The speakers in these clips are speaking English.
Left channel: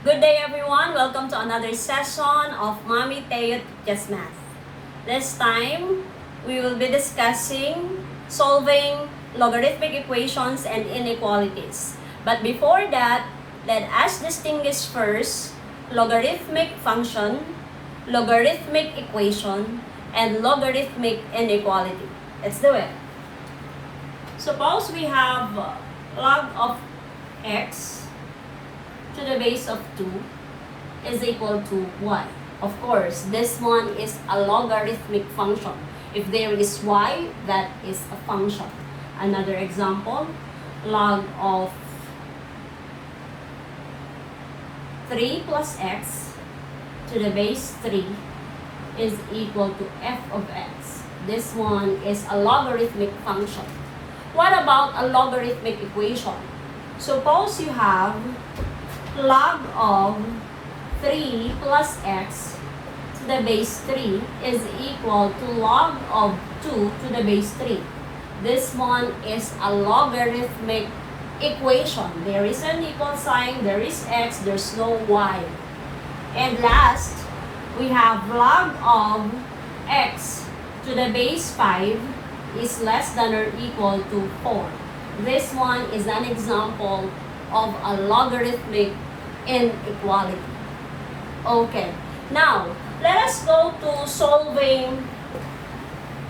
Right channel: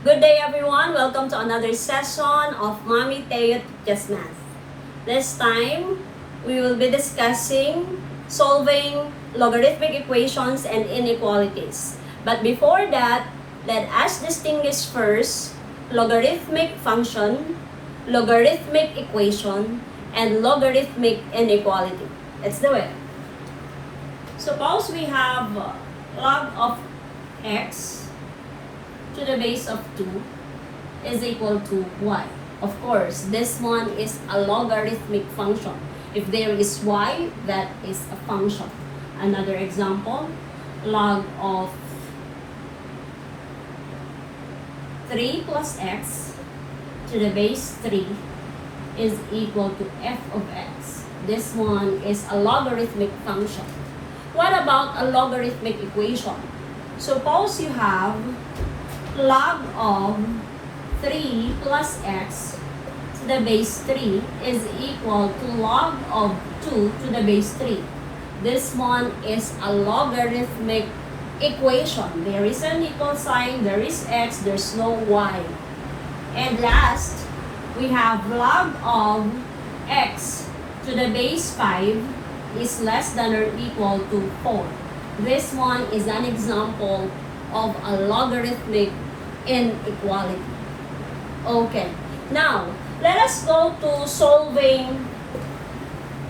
Good day everyone! Welcome to another session of Mommy Teo Genmath. This time, we will be discussing solving logarithmic equations and inequalities. But before that, let us distinguish first logarithmic function, logarithmic equation, and logarithmic inequality. Let's do it. Suppose we have log of x to the base of 2 is equal to y. Of course, this one is a logarithmic function. If there is y, that is a function. Another example, log of 3 plus x to the base 3 is equal to f of x. This one is a logarithmic function. What about a logarithmic equation? Suppose you have log of 3 plus x to the base 3 is equal to log of 2 to the base 3. This one is a logarithmic equation. There is an equal sign, there is x, there's no y. And last, we have log of x to the base 5 is less than or equal to 4. This one is an example of a logarithmic inequality. Okay, now let us go to solving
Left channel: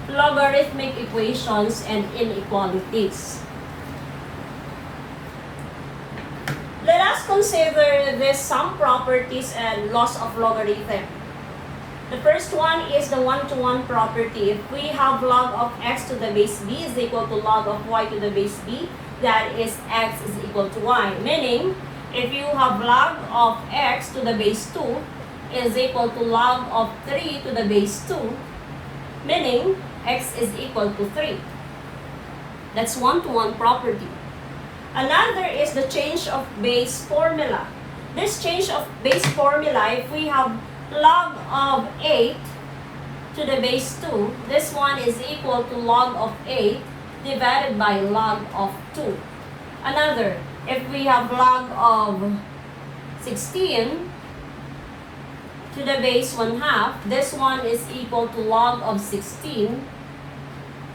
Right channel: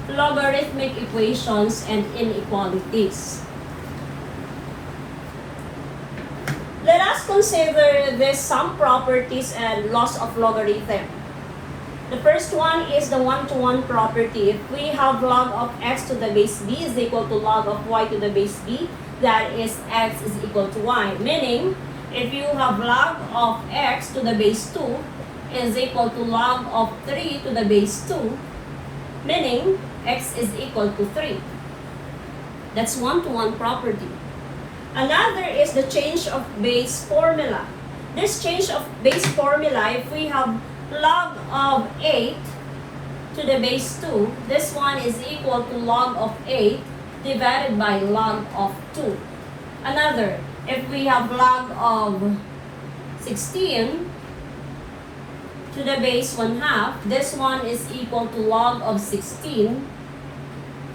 logarithmic equations and inequalities. Let us consider this some properties and laws of logarithm. The first one is the one-to-one property. If we have log of x to the base b is equal to log of y to the base b, that is x is equal to y. Meaning, if you have log of x to the base 2 is equal to log of 3 to the base 2, meaning x is equal to 3. That's one-to-one property. Another is the change of base formula. This change of base formula, if we have log of 8 to the base 2, this one is equal to log of 8 divided by log of 2. Another, if we have log of 16 to the base 1/2, this one is equal to log of 16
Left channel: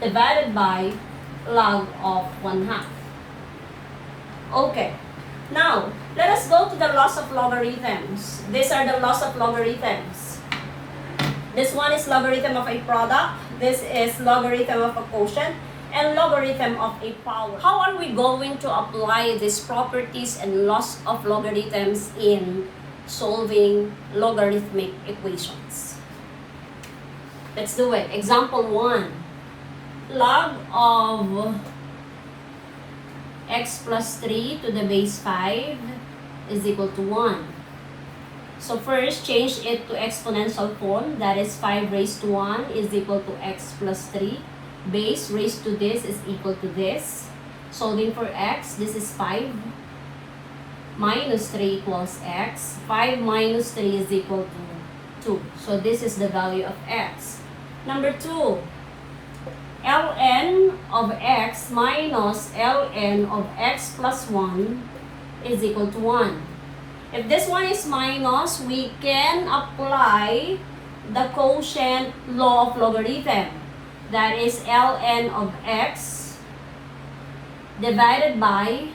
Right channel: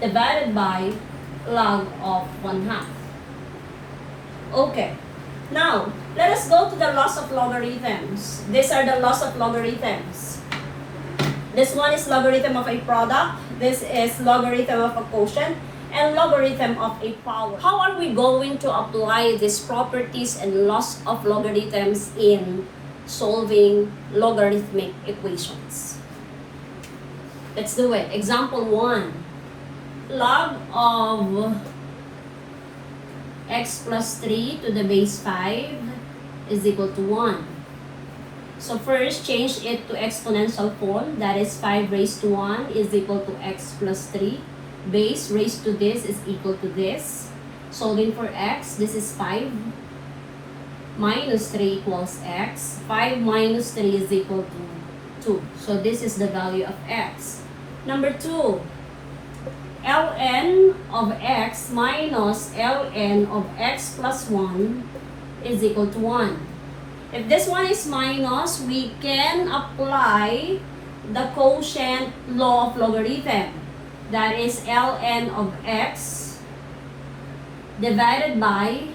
divided by log of 1/2. Okay. Now, let us go to the laws of logarithms. These are the laws of logarithms. This one is logarithm of a product. This is logarithm of a quotient. And logarithm of a power. How are we going to apply these properties and laws of logarithms in solving logarithmic equations? Let's do it. Example 1. Log of x plus 3 to the base 5 is equal to 1. So first, change it to exponential form. That is 5 raised to 1 is equal to x plus 3. Base raised to this is equal to this. Solving for x, this is 5 minus 3 equals x. 5 minus 3 is equal to 2. So this is the value of x. Number 2. ln of x minus ln of x plus 1 is equal to 1. If this one is minus, we can apply the quotient law of logarithm. That is ln of x divided by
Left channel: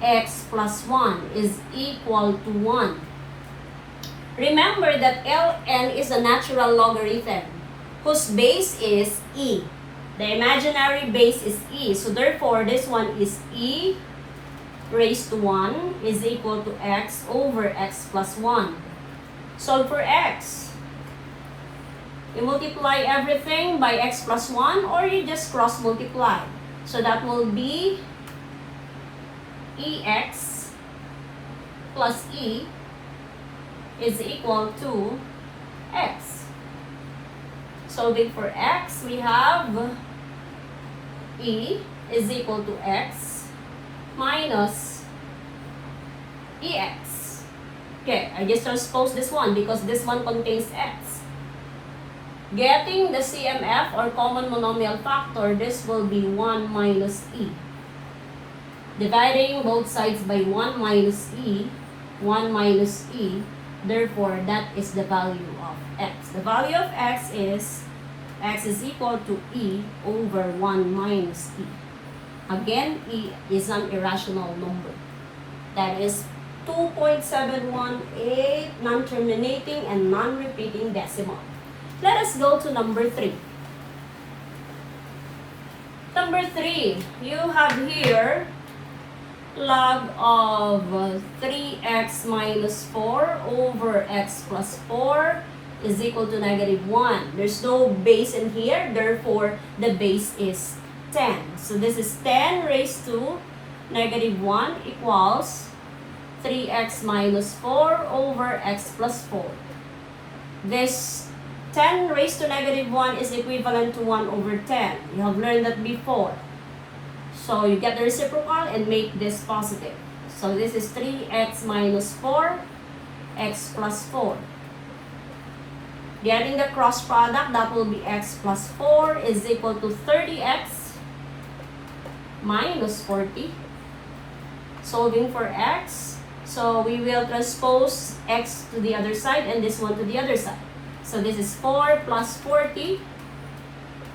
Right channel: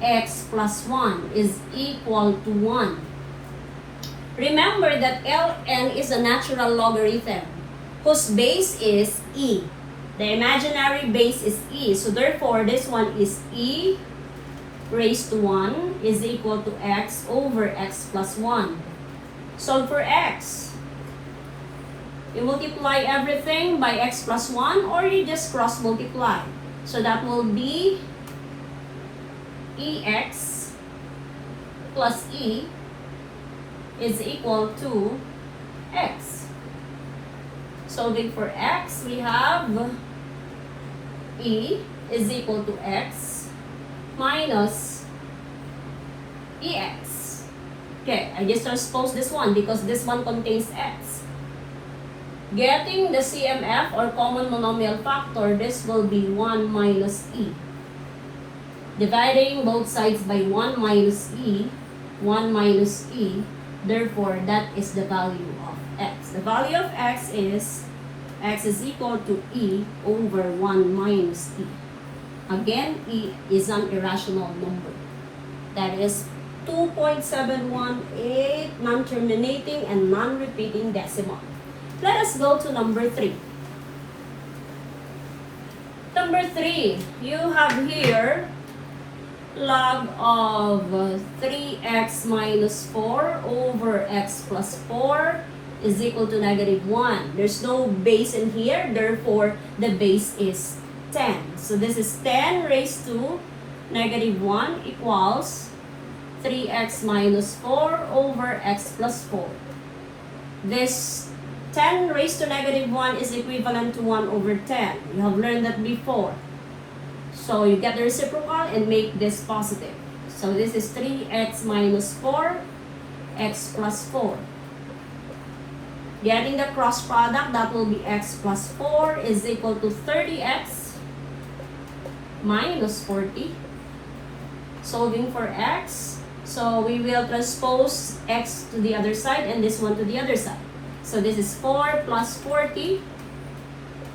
x plus 1 is equal to 1. Remember that ln is a natural logarithm whose base is e. The imaginary base is e. So therefore, this one is e raised to 1 is equal to x over x plus 1. Solve for x. You multiply everything by x plus 1 or you just cross multiply. So that will be ex plus e is equal to x. Solving for x, we have e is equal to x minus ex. Okay, I just transpose this one because this one contains x. Getting the CMF or common monomial factor, this will be 1 minus e. Dividing both sides by 1 minus e, 1 minus e. Therefore, that is the value of x. The value of x is equal to e over 1 minus e. Again, e is an irrational number. That is 2.718 non-terminating and non-repeating decimal. Let us go to number 3. Number 3, you have here log of 3x minus 4 over x plus 4 is equal to negative 1. There's no base in here, therefore the base is 10. So this is 10 raised to negative 1 equals 3x minus 4 over x plus 4. This 10 raised to negative 1 is equivalent to 1 over 10. You have learned that before. So you get the reciprocal and make this positive. So this is 3x minus 4, x plus 4. Getting the cross product, that will be x plus 4 is equal to 30x minus 40. Solving for x. So we will transpose x to the other side and this one to the other side. So this is 4 plus 40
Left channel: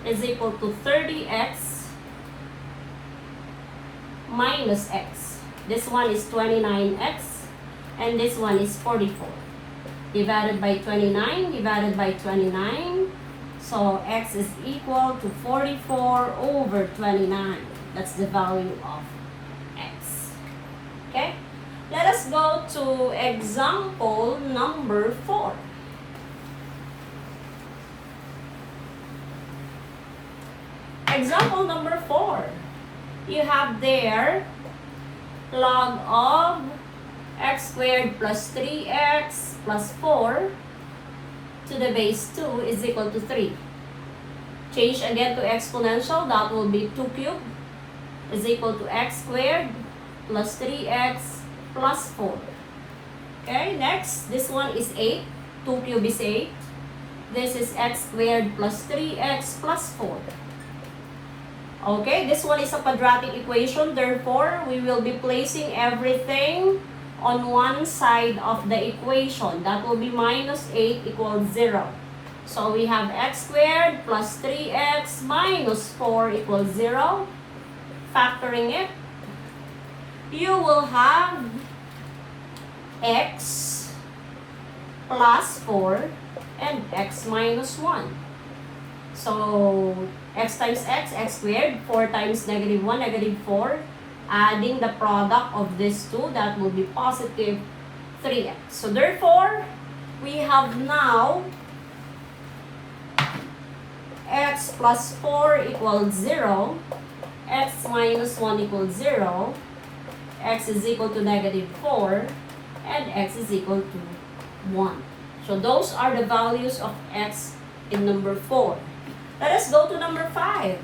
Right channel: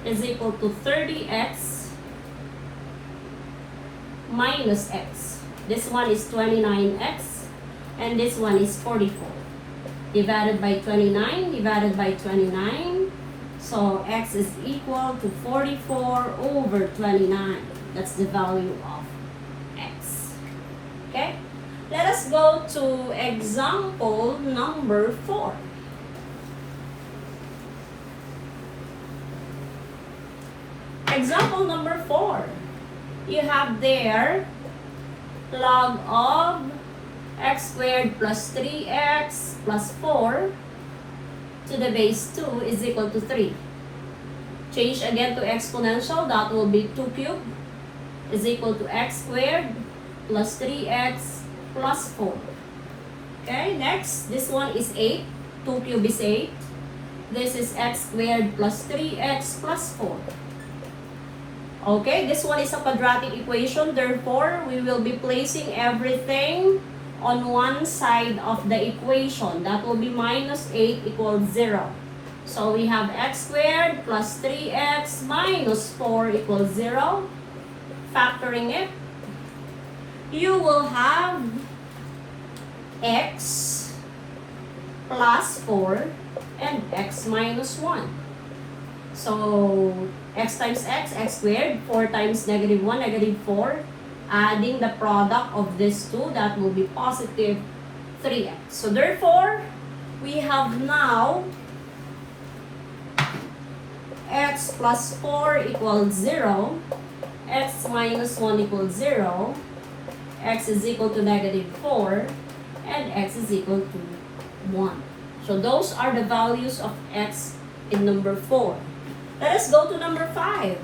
is equal to 30x minus x. This one is 29x and this one is 44. Divided by 29, divided by 29. So x is equal to 44 over 29. That's the value of x. Okay? Let us go to example number 4. Example number 4. You have there log of x squared plus 3x plus 4 to the base 2 is equal to 3. Change again to exponential, that will be 2 cubed is equal to x squared plus 3x plus 4. Okay, next, this one is 8. 2 cubed is 8. This is x squared plus 3x plus 4. Okay, this one is a quadratic equation. Therefore, we will be placing everything on one side of the equation. That will be minus 8 equals 0. So we have x squared plus 3x minus 4 equals 0. Factoring it, you will have x plus 4 and x minus 1. So x times x squared, 4 times negative 1, negative 4. Adding the product of these two, that will be positive 3x. So therefore, we have now x plus 4 equals 0, x minus 1 equals 0, x is equal to negative 4, and x is equal to 1. So those are the values of x in number 4. Let us go to number 5.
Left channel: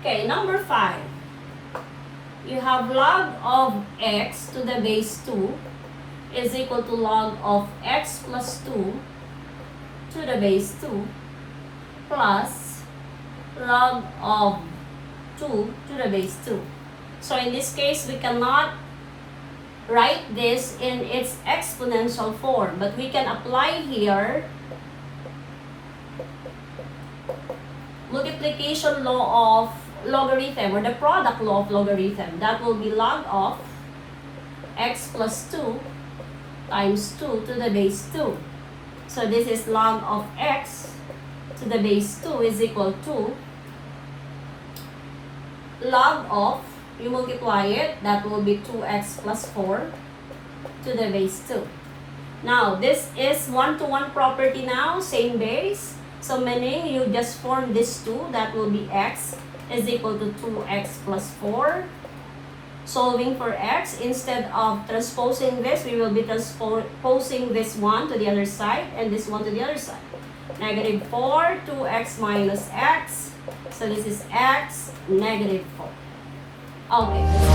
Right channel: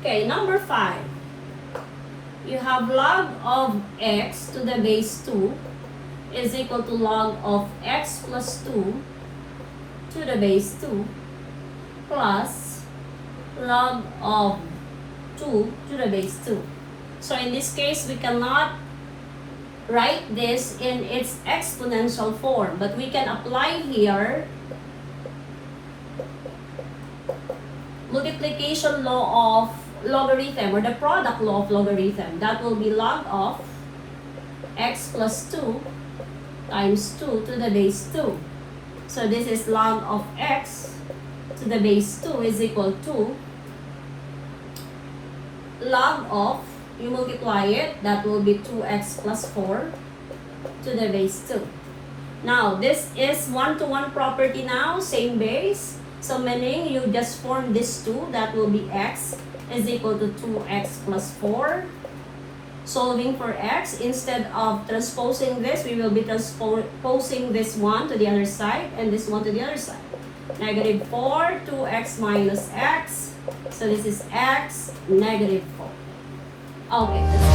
Okay, number 5. You have log of x to the base 2 is equal to log of x plus 2 to the base 2 plus log of 2 to the base 2. So in this case, we cannot write this in its exponential form, but we can apply here multiplication law of logarithm, or the product law of logarithm. That will be log of x plus 2 times 2 to the base 2. So this is log of x to the base 2 is equal to log of, you multiply it, that will be 2x plus 4 to the base 2. Now, this is one-to-one property now, same base. So meaning you just form this 2, that will be x is equal to 2x plus 4. Solving for x, instead of transposing this, we will be transposing this one to the other side and this one to the other side. Negative 4, 2x minus x. So this is x, negative 4. Okay.